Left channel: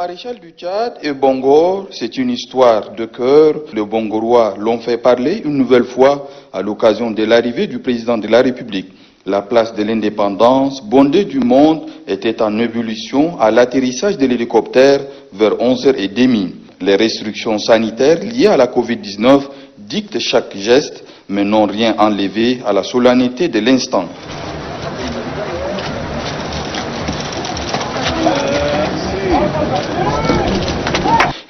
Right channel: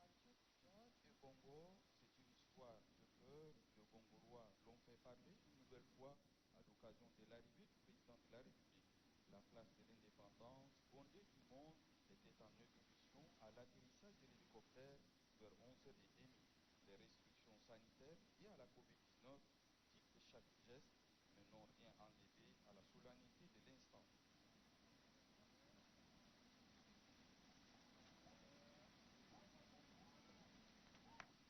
maréchal du Tchad et Bongor, c'est une histoire de cœur. Les Bongorois l'ont fait parler une nouvelle fois à l'occasion de l'arrivée du président de la République. La place de l'indépendance, bondée du monde, était en ébullition à l'atterrissage de l'hélicoptère vers 11h30. Les restrictions sanitaires liées à la Covid-19 dictent chaque geste, mais n'ont rien enlevé à la solennité de l'instant.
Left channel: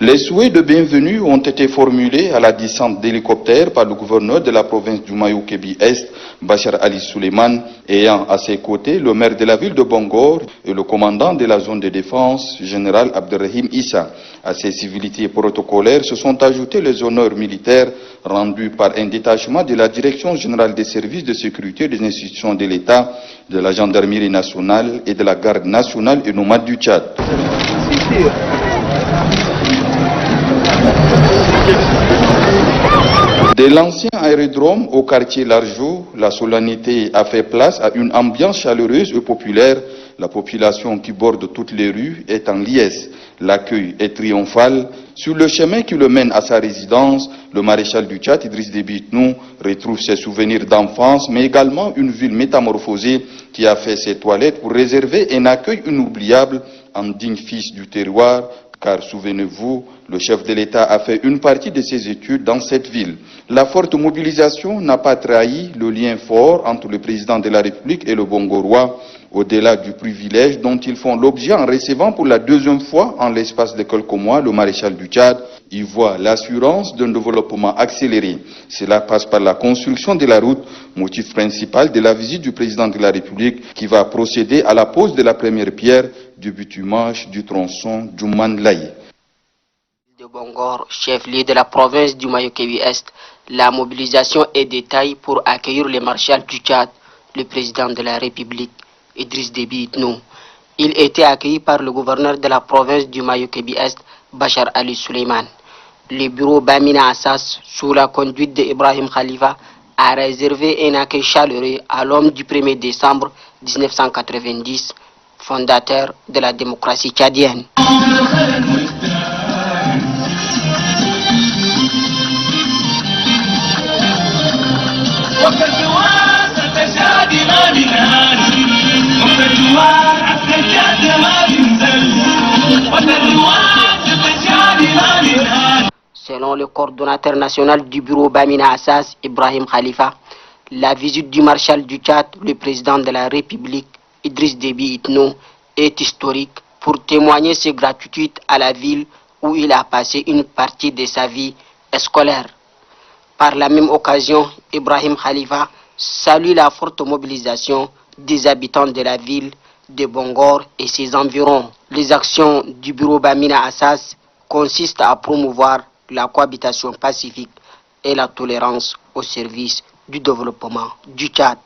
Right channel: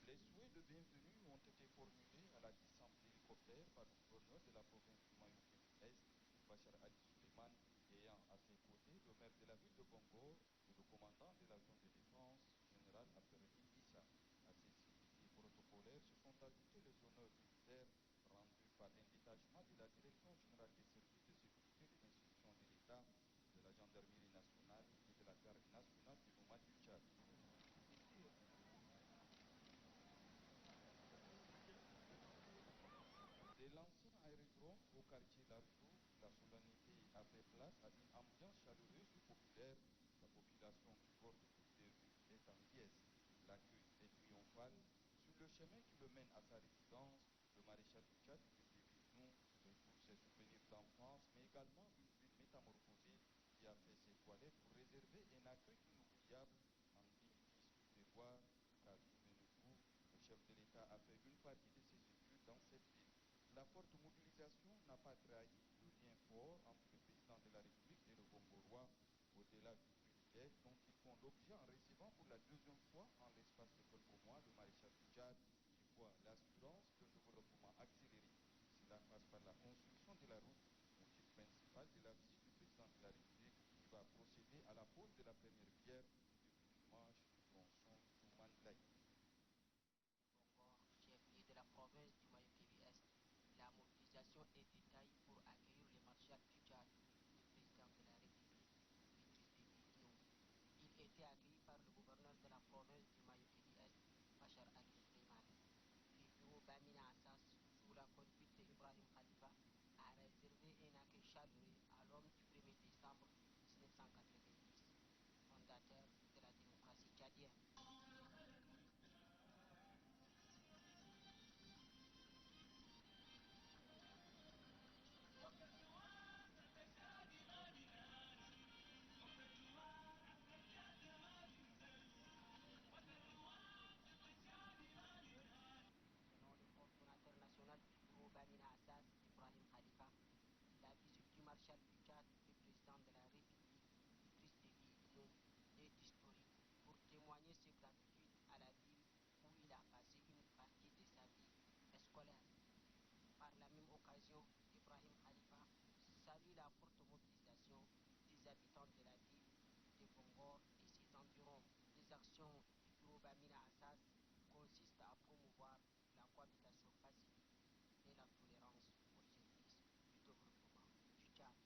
Les souhaits de bienvenue ont été formulés à la descente d'hélicoptère par le gouverneur de la province du Mayo-Kébi-Est, Bachar Ali Suleiman, ayant à ses côtés le maire de la ville de Bongor et le commandant de la zone de défense, général Abderrahim Issa. À ces civilités protocolaires se sont ajoutés les honneurs militaires rendus par un détachement de la Direction générale des services de sécurité des institutions de l'État, de la gendarmerie nationale et de la garde nationale et nomade du Tchad. De l'ancien aérodrome au quartier Largeau, la solennité a fait place à une ambiance chaleureuse et populaire. La population qui borde toutes les rues est en liesse. L'accueil est triomphal. Sur le chemin qui le mène à sa résidence, le maréchal du Tchad, Idriss Déby Itno, retrouve ses souvenirs d'enfance, mais également une ville métamorphosée qui a fait ses toilettes pour réserver un accueil inoubliable en digne fils du terroir. Car souvenez-vous, le chef de l'État a fait une partie de ses études dans cette ville. La forte mobilisation n'a pas trahi le lien fort entre le président de la République et le Bongorois, au-delà du privilège dont ils font l'objet en recevant pour la deuxième fois en l'espace de quelques mois le maréchal du Tchad. Y voit l'assurance d'un développement accéléré. Cela passe par la construction de la route, motif principal de la visite du président de la République qui va procéder à la pose de la première pierre du bitumage du tronçon Djouman-Laye. De Bongor, chef-lieu de la province du Mayo-Kébi-Est, la mobilisation est de taille pour accueillir le maréchal du Tchad, le président de la République, Idriss Déby Itno. Il était accueilli par le gouverneur de la province du Mayo-Kébi-Est, Bachar Ali Suleiman. Le bureau Bamina Assas, sous la conduite d'Ibrahim Khalifa, a réservé un accueil chaleureux à l'homme du 1er décembre 1990, fondateur de la démocratie tchadienne. Selon le coordonnateur national du bureau Bamina Assas, Ibrahim Khalifa, la visite du maréchal du Tchad, le président de la République, Idriss Déby Itno, est historique pour témoigner ses gratitudes à la ville où il a passé une partie de sa vie scolaire. Par la même occasion, Ibrahim Khalifa salue la forte mobilisation des habitants de la ville de Bongor et ses environs. Les actions du bureau Bamina Assas consistent à promouvoir la cohabitation pacifique et la tolérance au service du développement du Tchad.